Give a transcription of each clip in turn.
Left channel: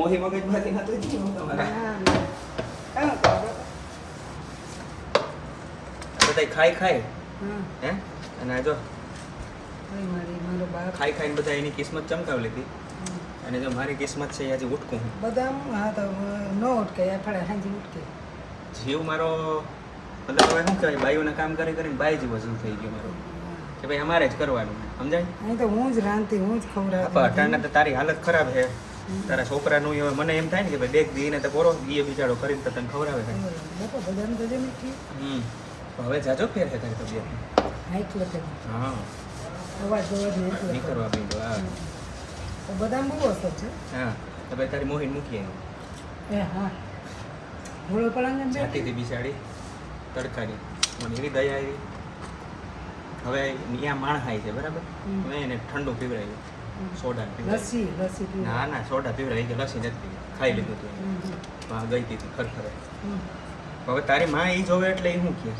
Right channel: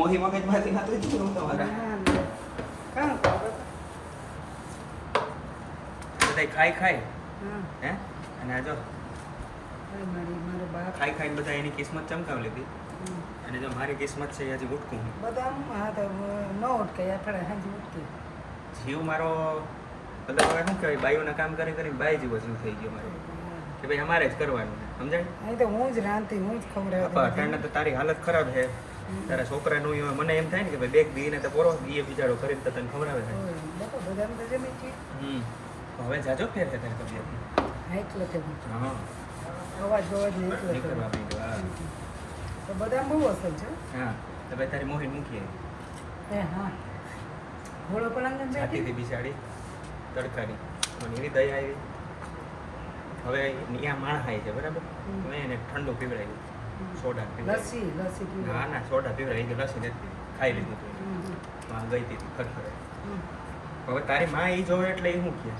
મોહી મગજમાંથી ના તો જ તમારા કામ કરો બધા ખાઈ ખાઈ હા હે અને આ જો મારો બાપ ખાઈ ખાઈને બધા એની કિસ્મત ચમકાવી લીધી અને જો મારી કિસ્મત છે એ હજી ઉઠકું બધા હા તો ન ઉઠકે ફળે હાજી ઉઠકે જીવ મારો મતલબ હવે શું કહેવાય બાયુના કામ કરી કરીને બાઈ જેવો જીવ થઈ ગયો મારો કે ભાઈ અમારે જ કરવાનું સમજાય અહીં તો હું જ રાંધતી હું જ ખવડાવતી અટાણે તો તારી હાલત ખરાબ છે તારા છોકરાનું એવું મને એમ થાય ને કે ભાઈ બેગ દીને તો પોરો ગીએ બિચારો કરીને તો તને ખવડાવે છે બાપા બધાને તો જમી ગયું હવે જાજો ફેર છે તારી તબિયત હાઈક લખે હા અવાજ બવાજ નહીં નહીં લખે કરવા બીજો હા તો બધા બહુ અસર છે હા તો ભાઈ તારી મોહીન મૂકીએ એ હા ઘોડો પલાંગ જાતીથી બિસાડી તડકાડી મને એવી દયા આવી હવે ત્યાં માણ ખાય છે બરાબર મેં એને ઠંડુ પીવડાવ્યું સોડા લસ્સી લસ્સી પીવું ના ના સોડા પીવડાવી તો લસી નથી પીવી. ખાઈ લીધું હતું હા ગઈ હતી ખરખરે હવે તારી માં એ જોવે એટલે એ શું કહે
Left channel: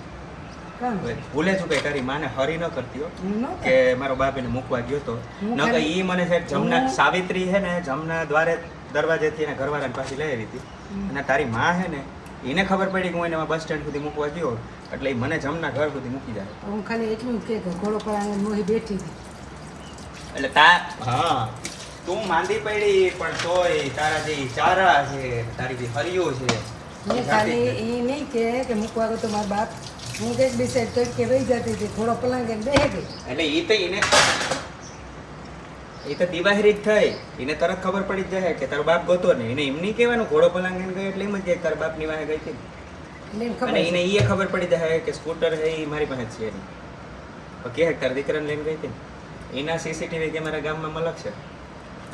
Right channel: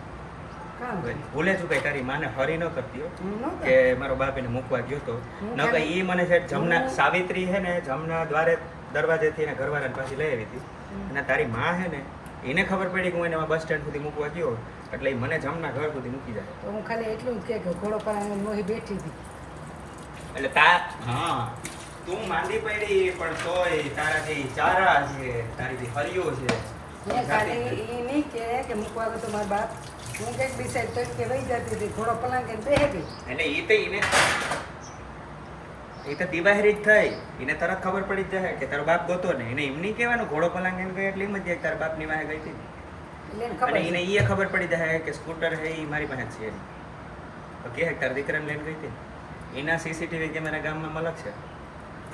કામ ભૂલે છું કઈ તારી માને હરી ન કરતી હો હું ન કે મારો બાપ એને મૂકવા ગયો તો હું ન કઈ ઈ મને છે જમના હું- સાવિત્રી છે ને જમના દ્વારે દરવાજેથી એને ઘરવાળાને પાછી લઈ આવી હતી અને તારી માં છે ને એને ખબર પડી કે હું એને બસ સ્ટેન્ડ સુધી મૂકવા ગયો એટલે ઈ મને જમના ઘર સુધી મૂકી જાય તો હું ખાલી એટલું જ કે ઘોડો પલાંગ મોહી બેઠી હતી એટલે હા તું માંદી પડી પણ તોય તારા જે ચારા છે તારી જે હરિયો છે મેં ખાલી એ નહીં કે મૂકવા ગયો તો મારા બાપ હું કંઈક બિસાઈડ તો કે વહી જતી હતી ઘોડો પલાંગ બેહે ગઈ એટલે ઈ તો એને એ તો દિવાહરી જ થઈ એને તરત ખબર પડી જ જાય કે તારો બાપ ગોતો ને એને એમ નહીં કહેવાનું ઘોડો પલાંગ એમ ગઈ એટલે એમ જ જાય તારા બાપની વાહે ગઈ હતી એટલે એને અને ખબર એને ઈ ખબર પડી જાય કે સ્કૂટર છે એ મારી પાસે જ છે એની તો કે તારા દીકરાને લઈને ગઈ હતી એના સીસીટીવી કેમેરા ગામમાં મલક છે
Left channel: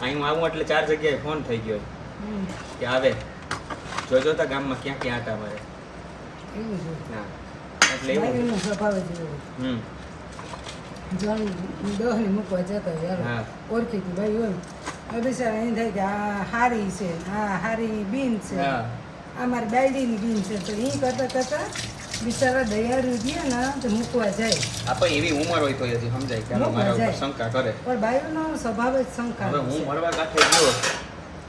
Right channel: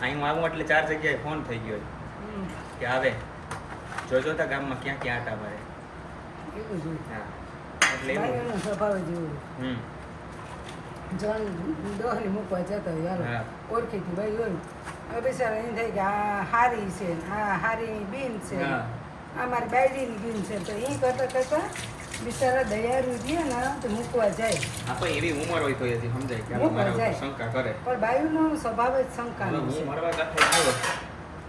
અહીં હું આવું એટલે 4 જગ્યાએ ફોન થઈ ગયો કે આવે જોતા ગામમાં ક્યાં ક્યાં આટા મારે એવું જ હા એટલે હોય એવું. એનો સ્વભાવ જ એવો હમ હોય દોહલી મૂકવા જતા હોય હા. હાલો ઓળખીતી ભાઈ હોય હવે બિચારા એમ થાય કે આ હારી છે આ હારી બીન છે હા. આ મારી બાયડીની બીન છે તો એ કરતા કરતા બિચારા દયાળુ ગયા ને તો મૂકવા જાય આપણે એવી ઉંમર હોય તો હજી સમજાય કે મૂકવા મારા ઉપર જાય. શંકા કરે પણ બાયુનો સ્વભાવ જ હવે શંકાનો હું છે મળવા ગાંઠે ગયો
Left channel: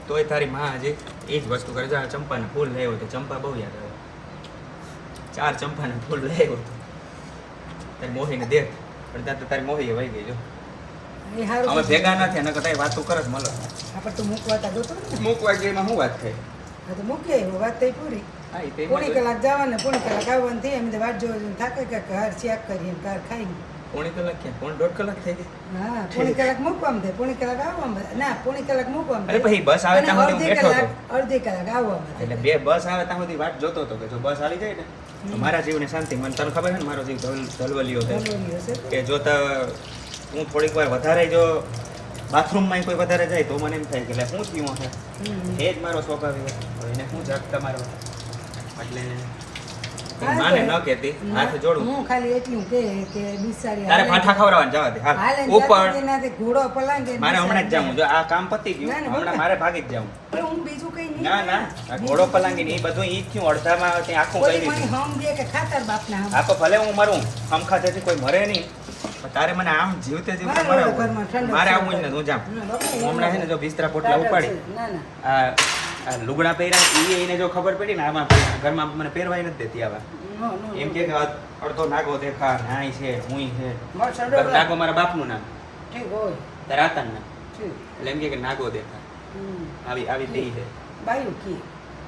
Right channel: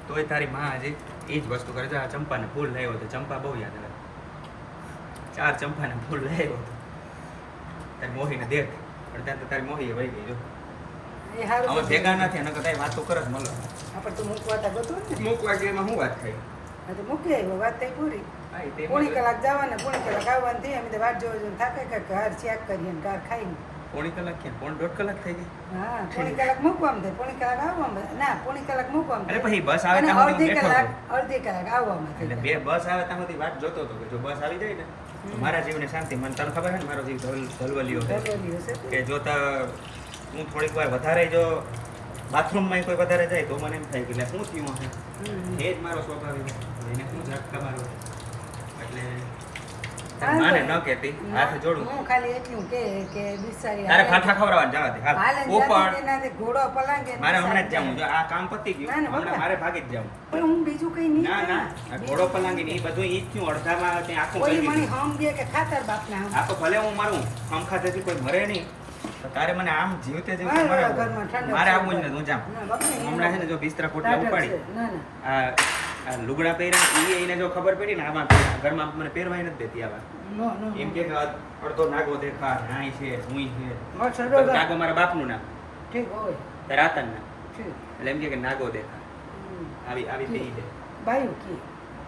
તોય તારી માં હજી એ જ વસ્તુ કરે છે આ ચંપાને ફૂલ લાવ્યો તો ચંપા બહુ યાદ આવે 4 ચંપાને ફૂલ લાવ્યો તારી મોહીને દેખ પણ ત્યાં તો તારી મોહી વહી ગઈ જો એ હારું અમે ભેગા નથી નકર તારી વાતો કરે જ મળે આપણે તો મૂકવા તા ગોતો ને મૂકવા ગઈ એમાં શું વાત થાય હા તો મૂકી આવ્યો વાત થઈ પૂરી હા એ તે પોણી કલાક જવાને પોણી કલાક આવવાનું થઈ અમે તો વાટ જોવા થાકે કે ઘર ચેક કરીને ઘર ખાઈને પોણી કલાક ક્યાં 1.5 કલાક થઈ ગઈ હા પોણી કલાક મૂકવામાં થાય પોણી કલાક આવવામાં ના પોણી કલાક મૂકવામાં અરે થાય પછી બસ આવે અને ત્યાં સુધી અડધી બેઠો કલાક હતો. અડધી કલાક આવવામાં એટલે થાય બે બસ આવે ત્યાં સુધી વાટ જોતો હતો કે જો બસ આવી જાય ને તો મારા જીવને શાંતિ મને તને ખબર છે ને મારો જીવ ધલવલિયો થાય બોલ્યો છે કે જોતા હું થોડીક વાર વધારે જો બાથરૂમમાં કોઈ વધારે જાય તો મને એમ થાય કે લે શું થયું હશે એ જ મારો સ્વભાવ એવો એને શું ઝટકા મારવા એટલે તારી માને ન કહેતી હાથ જોડું હું ખાલી એટલું કે બિચારી તારે ફાંઠા ખવડાવવાનું જવાથી હાલે હાલ જાતી ઉપર તેનાથી ઘોડો પલાંગે મારે હમણાં જ જાઉં જો આ કામ પતી ગયું ના, ના, હમણાં બરાબર. મારે ભાગી જ જાઉં પણ હું બીજું કઈ નહીં ના ના આ ઘોડો પલાંગી ને એ બધું ઈ જ થયું અડધામાં ત્યાં આખું કરી ઓલી મને દીધું હમ દે કે ખાતર બાપના હમ આ તો ભલે હું મરું ખાધેથી કોઈ મરે નહીં પણ તારે મને આમ જીવતે જીવતે મારે મરાવવું. ઘરમાં ઠંડક મારે છે. આવું જ ને હું જાઉં ના, બાપા, હું હમણાં છે ને જો બિસ્તરા પોટલા ટાઢક ઉપાડી છે. ના ના આ લુગડા પહેર્યા ઈ એને જો ખબર પડી ને આમાં ઘરમાં મને પહેરવાય નથી દેતી આવા નો નો એમ કે અડધો નાગો દેખા નાઈ છે હુંય છે મારો છોડો નાગો મારા બાપનું નામ ઠીક હોય તારા આતાનું નામ ઠીક એટલે એમ કે નાગો દેખા આવી આવી દઈ દે બાયું કી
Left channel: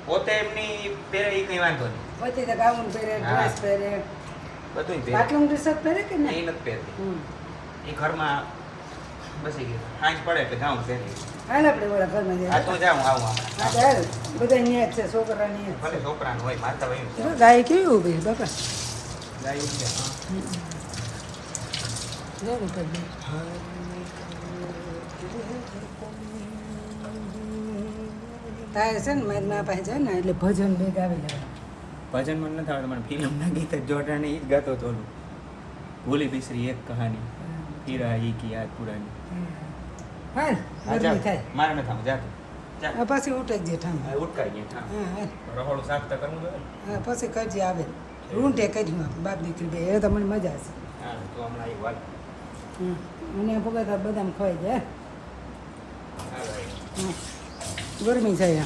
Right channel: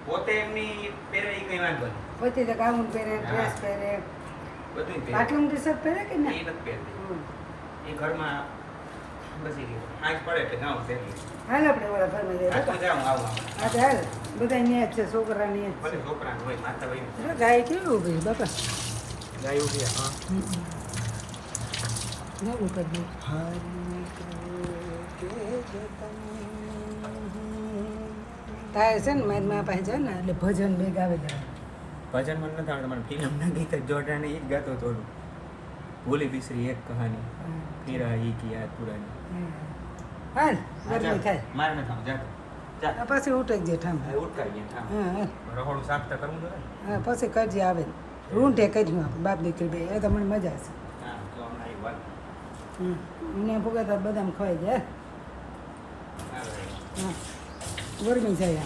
પોતે એમની પહેરે ઈ કઈ વાંધો નહીં પોતે તો ગાઉન પહેરે હા. ડ્રેસ પહેરે બધું પહેરે પાટલું ટી-શર્ટ પહેરે કે એ ના નથી પહેરતી હમ. એ ઘરમાં બસી ગઈ આજ પડે એટલે જાઉં છે હાલ આપણે ઓલા ઘરમાં જઈએ આ તો જાઉં આવું આમ હા તો હાલ બધા અહીંયા જ છે છોકરા ની ભલે છોકરાનું હોય માતા હોય જો ગાય કેવી ઉભી બાપા ગાય ઉભી હા જો ઉપર બે તારે છે ને મારી મા પાસે જાય ને એટલે ભજન બે ગાવી લેવા ભજન મને નથી આવડતું મને ફિલ્મના ગીત જ જોડાને ઈ જ ગાતો હતો ઓલું. ભૂલી બિસરી એક કહાની ફિર આઈ કી યાદ પુરાની હાલ હા, જા. ગરમી થાય મારે નથી આવું જાતો જા આ પછી ઉઠક જે ઠામ હવે ઉઠકાઈ ગયા હા હાલ. રહોડું સાફ તો કરવું જોઈએ ને. હા પછી કરજે આવે રૂંઢે કર્યું આપણે બાપ દીકરી બે એ તો મને મજા આવશે હા તો હમણાં એક વાત અને ભોગા બદામ ખવાઈ જાય હાલો. હા ગરમી જાય